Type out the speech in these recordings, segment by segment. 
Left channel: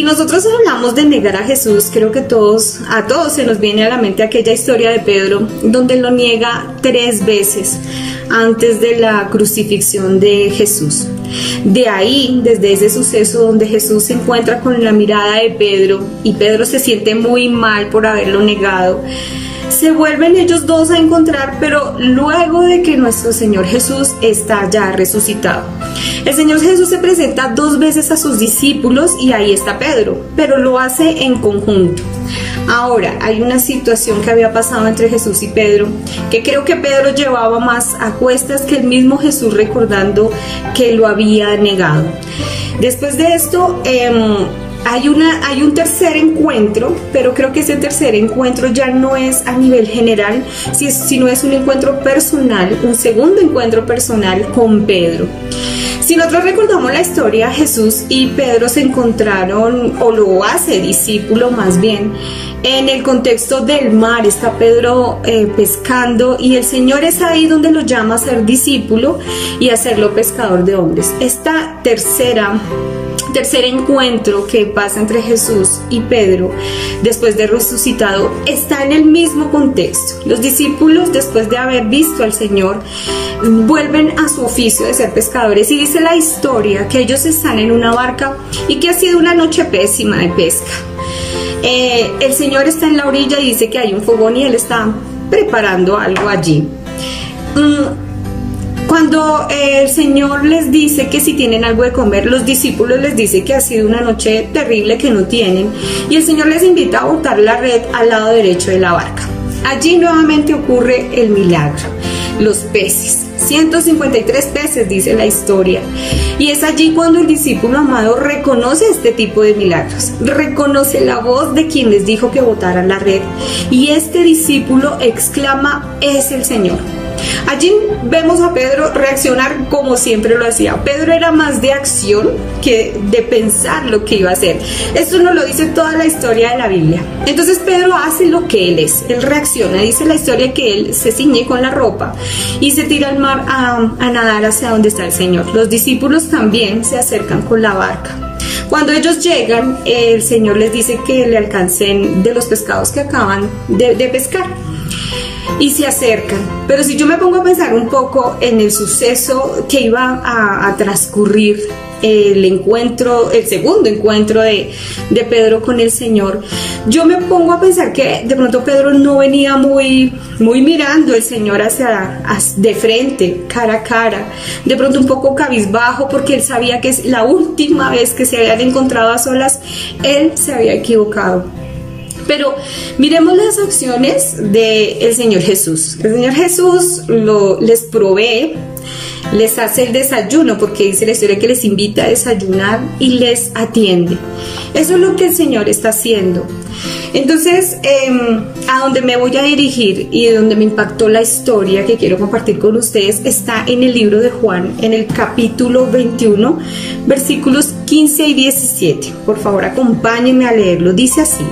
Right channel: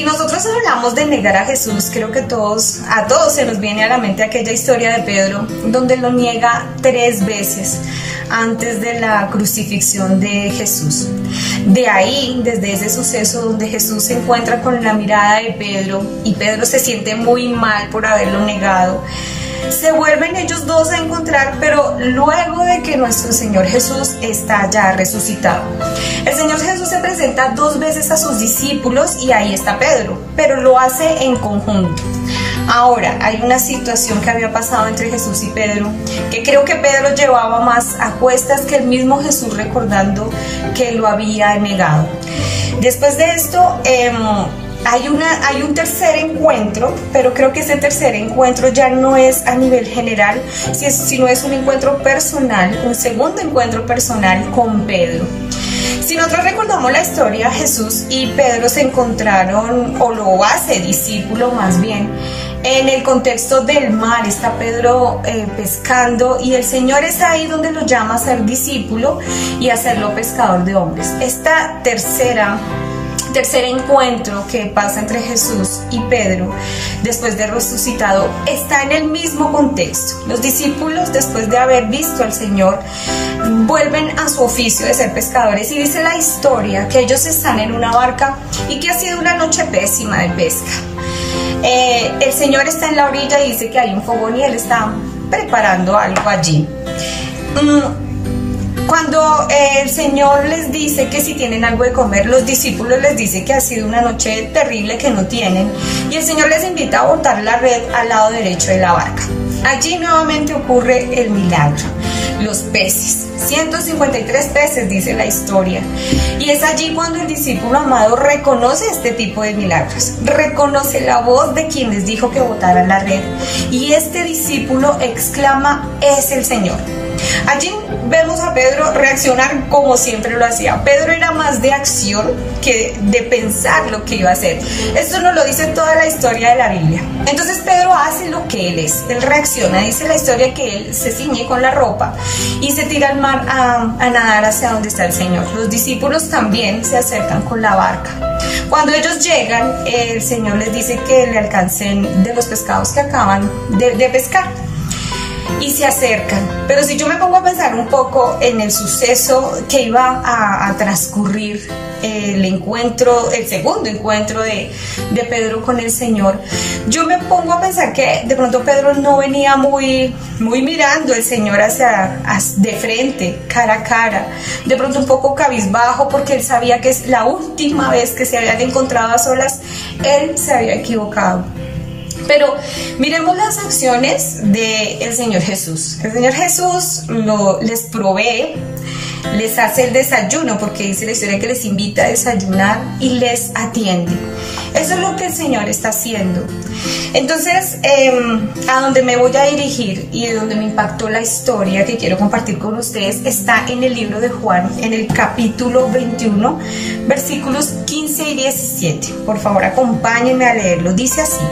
Si nosotros hablamos de negar a Jesús, creo que a todos se nos viene a la mente aquella historia de Pedro, donde lo niega 3 veces antes de la crucifixión de Jesús. De ahí, desde ese suceso donde Jesús se encuentra con la mirada de Pedro y Pedro se siente muy mal por haberlo negado, se vuelven ellos dos a encontrar, pero luego de que nuestro Señor Jesús está ya resucitado. El Señor Jesús se presenta 2 veces a sus discípulos y ahí está Pedro, pero lo hace en conjunto. Ahora, hay una situación que había pasado entre Jesús y Pedro, que creo que Pedro llevaba más a cuestas que el mismo Jesús, recordando que lo había negado. Después de esto, hay un tercer encuentro, pero creo que ese tercer encuentro ya no es a nivel general, sino es un encuentro personal, un segundo encuentro personal con Pedro. Si nosotros recordamos la historia, Jesús y Pedro se encontraron, o lo hace discípulo más bien, en el contexto del mar. Está Pedro pescando y el Señor es ahí donde lo llama a ser discípulo y a hacerlo pescador de hombres. Esta tercer encuentro que pasa entre Jesús y Pedro después de resucitado está en el mismo contexto. Los discípulos, después de haber visto al Señor, vuelven a su oficio de ser pescadores, y dice la historia que ellos están en una barca y que ha sido una noche pésima de pesca. El Señor está en la orilla y dice que hay un fogón y Él está preparando algo allí. Cuando el Señor les dice que si tienen algo de comer, los discípulos les dice que ha sido una noche terrible, que no tienen, y el Señor les invita a botar la red al lado derecho de la barca. Allí nuevamente ocurre el milagro, los peces, 153 peces dice la historia, y es allí cuando el discípulo amado reconoce este tipo de milagros, reconoce la voz de quien les dijo que botaran la red, y este discípulo exclama: es el Señor. Allí vemos a Pedro reaccionar como siempre lo hacía. Pedro era más de acción que de pensar lo que iba a hacer. Esto nos lo dice toda la historia de la Biblia. Entonces Pedro hace lo que él es, él reacciona. Dice la historia que él se ciñe con la ropa y se tira al mar a nadar hacia donde está el Señor. Los discípulos también se acercan con la barca. Cuando ellos llegan, el Señor les dice que le alcancen de los pescados que acaban de pescar. Y se acercan. Pero si yo me pongo a pensar un poco en el suceso que iba a transcurrir, el segundo encuentro de Pedro con el Señor, yo me pongo a pensar que de pronto Pedro no venía muy mirando al Señor de frente, cara a cara, de pronto un poco cabizbajo, porque él sabía que es la última vez que se habían encontrado a solas, él se había equivocado. Pero miremos las acciones del Señor Jesús. El Señor Jesús les provee, les hace el desayuno, porque dice la historia que les invita a desayunar y les atiende. Eso es lo que el Señor está haciendo. Entonces, a donde me voy a dirigir y de donde me impactó la historia que quiero compartir con ustedes está en el libro de Juan, en el capítulo 21, versículos 15 y 17. Por favor, acompáñenme a leerlo. Dice así:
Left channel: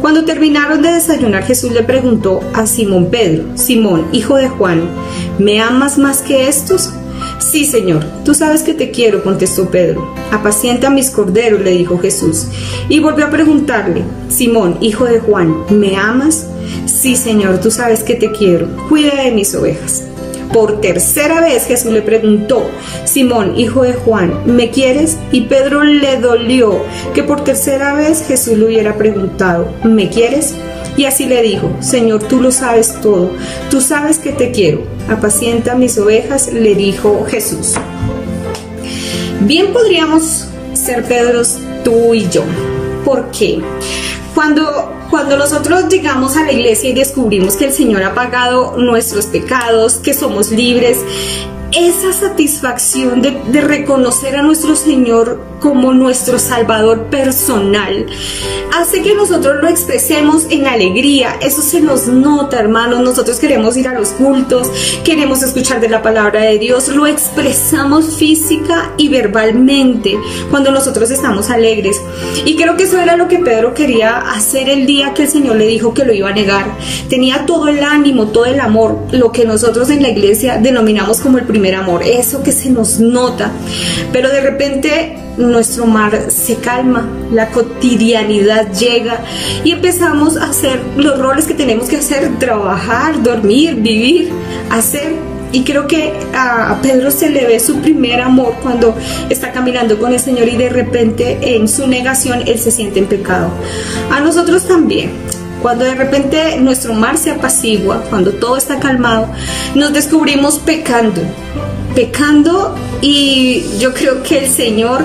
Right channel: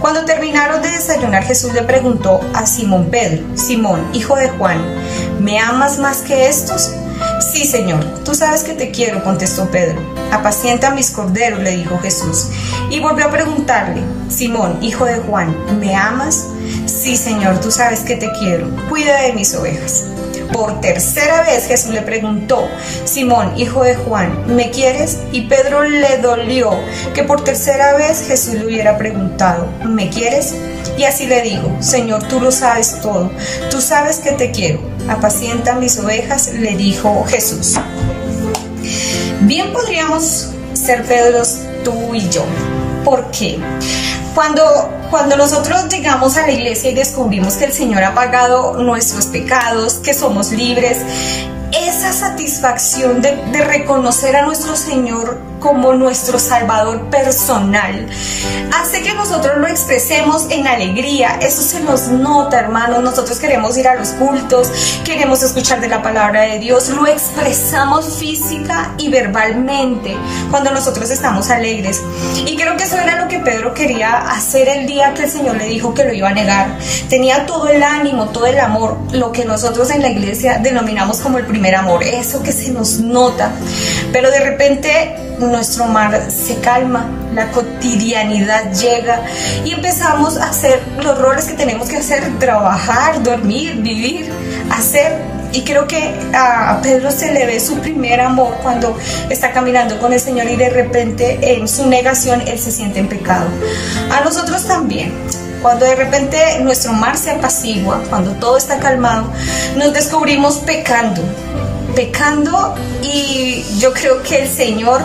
cuando terminaron de desayunar, Jesús le preguntó a Simón Pedro: Simón, hijo de Juan, ¿me amas más que estos? Sí, Señor, tú sabes que te quiero, contestó Pedro. Apacienta mis corderos, le dijo Jesús. Y volvió a preguntarle: Simón, hijo de Juan, ¿me amas? Sí, Señor, tú sabes que te quiero, cuida de mis ovejas. Por tercera vez Jesús le preguntó: Simón, hijo de Juan, ¿me quieres? Y Pedro le dolió que por tercera vez Jesús le hubiera preguntado: ¿me quieres? Y así le dijo: Señor, tú lo sabes todo, tú sabes que te quiero, apacienta mis ovejas, le dijo Jesús. Bien podríamos ser Pedros, tú y yo. ¿Por qué? Cuando nosotros llegamos a la iglesia y descubrimos que el Señor ha pagado nuestros pecados, que somos libres, esa satisfacción de reconocer a nuestro Señor como nuestro Salvador personal hace que nosotros lo expresemos en alegría. Eso se nos nota, hermanos. Nosotros queremos ir a los cultos, queremos escuchar de la palabra de Dios, lo expresamos física y verbalmente cuando nosotros estamos alegres. Y creo que eso era lo que Pedro quería hacer el día que el Señor le dijo que lo iba a negar. Tenía todo el ánimo, todo el amor, lo que nosotros en la iglesia denominamos como el primer amor, eso que se nos nota. Pero de repente nuestro mar se calma, la cotidianidad llega y empezamos a hacer los roles que tenemos que hacer: trabajar, dormir, vivir, hacer. Y creo que a Pedro se le ve su primer amor cuando está caminando con el Señor y de repente en su negación él se siente en pecado. A nosotros también. Cuando de repente nuestro mar se apacigua, cuando todo está calmado, nos descubrimos pecando, y yo creo que el Señor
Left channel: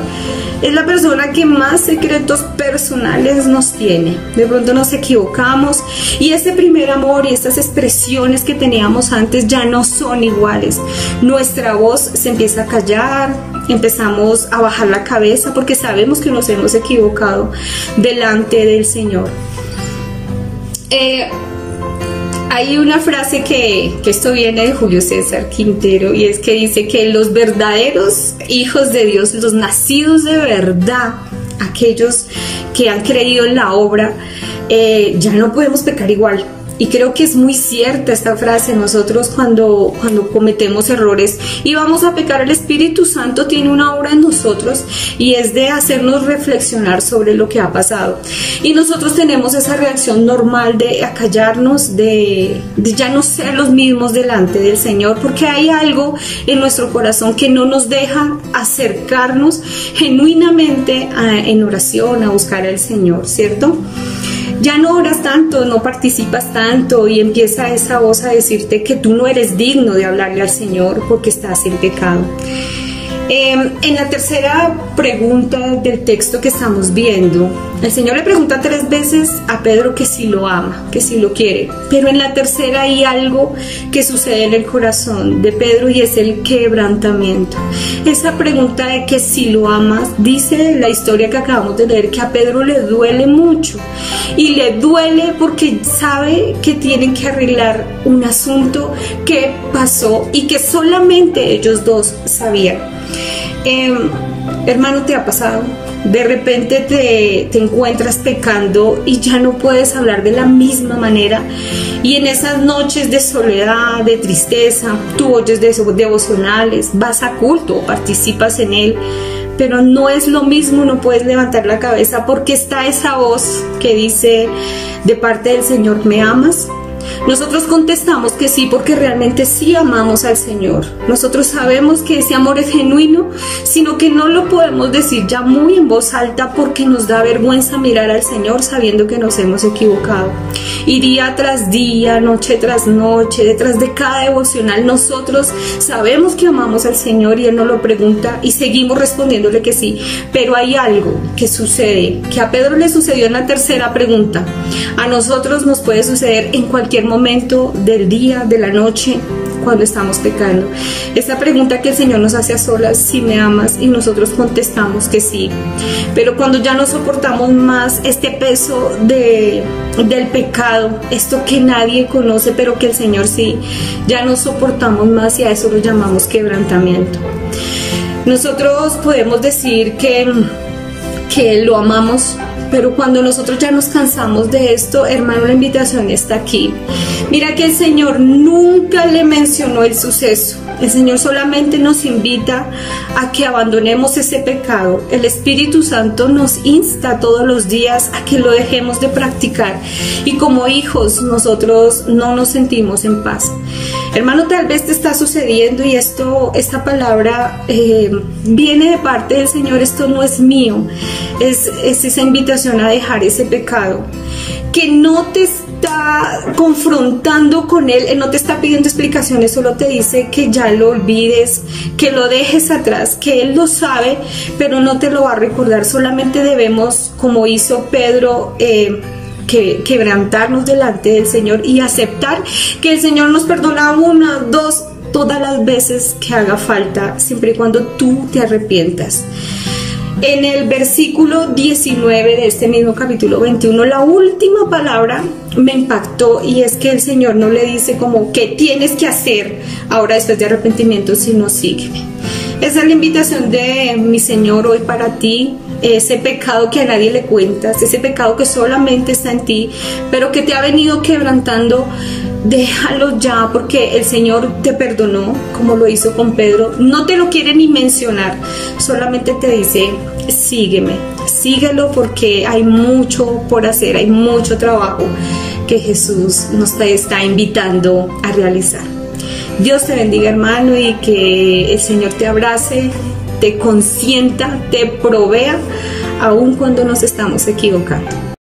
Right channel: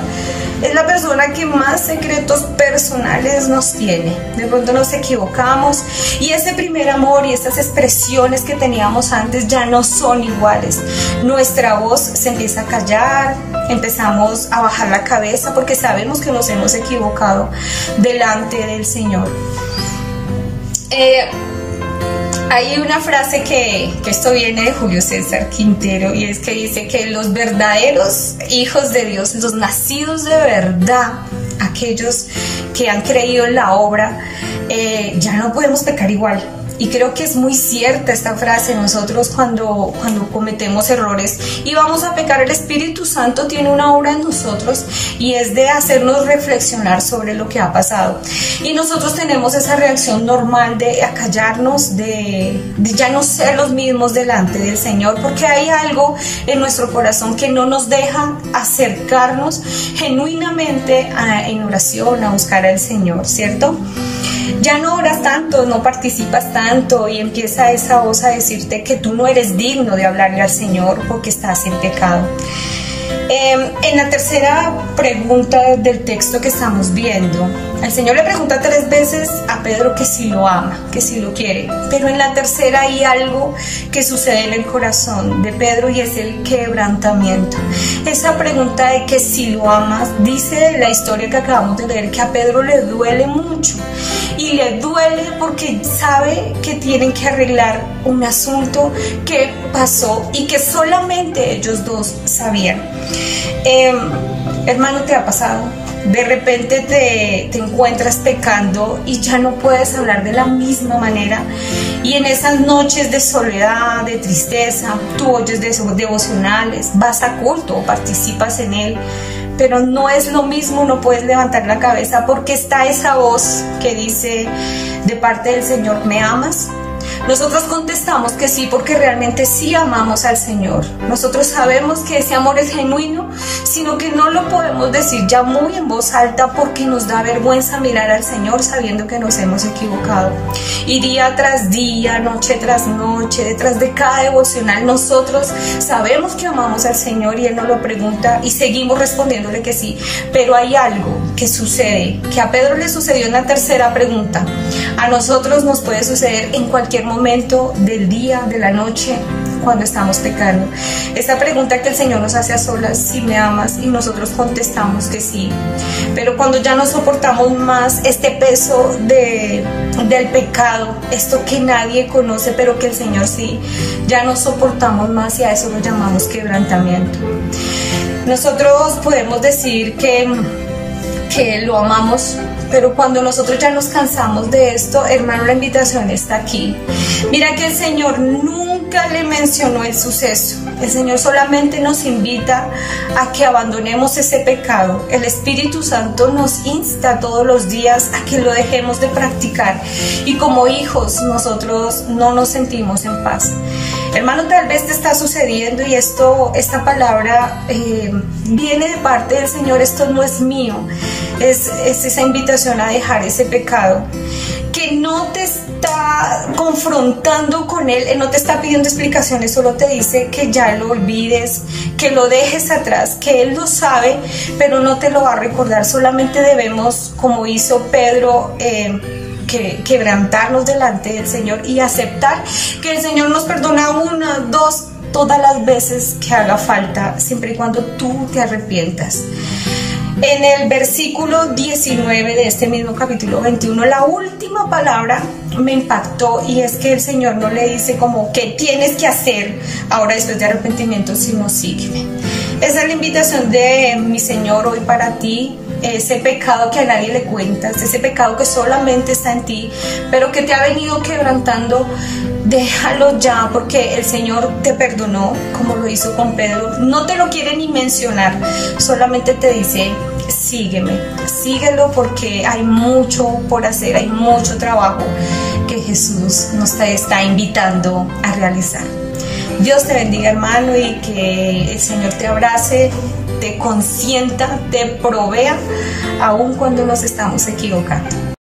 es la persona que más secretos personales nos tiene. De pronto nos equivocamos y ese primer amor y esas expresiones que teníamos antes ya no son iguales. Nuestra voz se empieza a callar, empezamos a bajar la cabeza porque sabemos que nos hemos equivocado delante del Señor. Hay una frase que esto viene de Julio César Quintero, y es que dice que los verdaderos hijos de Dios, los nacidos de verdad, aquellos que han creído en la obra, ya no podemos pecar igual. Y creo que es muy cierta esta frase. Nosotros cuando cometemos errores y vamos a pecar, el Espíritu Santo tiene una obra en nosotros y es de hacernos reflexionar sobre lo que ha pasado. Y nosotros tenemos esa reacción normal de acallarnos, de ya no ser los mismos delante del Señor, porque hay algo en nuestro corazón que no nos deja acercarnos genuinamente en oración, a buscar al Señor, ¿cierto? Ya no oras tanto, no participas tanto y empieza esa voz a decirte que tú no eres digno de hablarle al Señor porque estás en pecado. En la tercera pregunta del texto que estamos viendo, el Señor le pregunta 3 veces a Pedro que si lo ama, que si lo quiere, pero en la tercera hay algo que sucede en el corazón de Pedro y es el quebrantamiento. Esa pregunta de que si lo amas, dice la historia que acabamos de leer que a Pedro le duele mucho, y le duele porque sabe que tienen que arreglar un asunto que pasó y que solamente ellos dos sabían. Hermano, ¿te ha pasado? De repente te encuentras pecando y ya no puedes hablar de la misma manera, y en esas noches de soledad, de tristeza, tú oyes devocionales, vas a culto, participas en él, pero no es lo mismo, no puedes levantar la cabeza porque está esa voz que dice de parte del Señor: ¿me amas? Nosotros contestamos que sí, porque realmente sí amamos al Señor. Nosotros sabemos que ese amor es genuino, sino que no lo podemos decir ya muy en voz alta porque nos da vergüenza mirar al Señor sabiendo que nos hemos equivocado. Y día tras día, noche tras noche, detrás de cada devocional, nosotros sabemos que amamos al Señor y Él nos lo pregunta y seguimos respondiéndole que sí. Pero hay algo que sucede, que a Pedro le sucedió en la tercera pregunta. A nosotros nos puede suceder en cualquier momento del día, de la noche, cuando estamos pecando. Esa pregunta que el Señor nos hace a solas: si me amas, y nosotros contestamos que sí. Pero cuando ya no soportamos más este peso del pecado, esto que nadie conoce pero que el Señor sí, ya no soportamos más, y a eso lo llamamos quebrantamiento. Nosotros podemos decir que lo amamos, pero cuando nosotros ya nos cansamos de esto, hermano, la invitación está aquí. Mira que el Señor nunca le mencionó el suceso. El Señor solamente nos invita a que abandonemos ese pecado. El Espíritu Santo nos insta todos los días a que lo dejemos de practicar. Y como hijos, nosotros no nos sentimos en paz. Hermano, tal vez te está sucediendo y esta palabra viene de parte del Señor. Esto no es mío. Es esa invitación a dejar ese pecado que no te está confrontando con él. Él no te está pidiendo explicaciones, solo te dice que ya lo olvides, que lo dejes atrás, que Él lo sabe, pero no te lo va a recordar. Solamente debemos, como hizo Pedro, quebrantarnos delante del Señor y aceptar que el Señor nos perdona 1, 2, todas las veces que haga falta, siempre y cuando tú te arrepientas. En el versículo 19 de este mismo capítulo 21, la última palabra me impactó, y es que el Señor no le dice como ¿qué tienes que hacer ahora después de arrepentimiento?, sino sígueme. Esa es la invitación de mi Señor hoy para ti. Ese pecado que a nadie le cuentas, ese pecado que solamente está en ti, pero que te ha venido quebrantando déjalo ya, porque el Señor te perdonó como lo hizo con Pedro. No te lo quiere ni mencionar, solamente te dice: sígueme, síguelo, porque hay mucho por hacer, hay mucho trabajo que Jesús nos está invitando a realizar. Dios te bendiga, hermano, y que el Señor te abrace, te consienta, te provea, aun cuando nos estamos equivocando.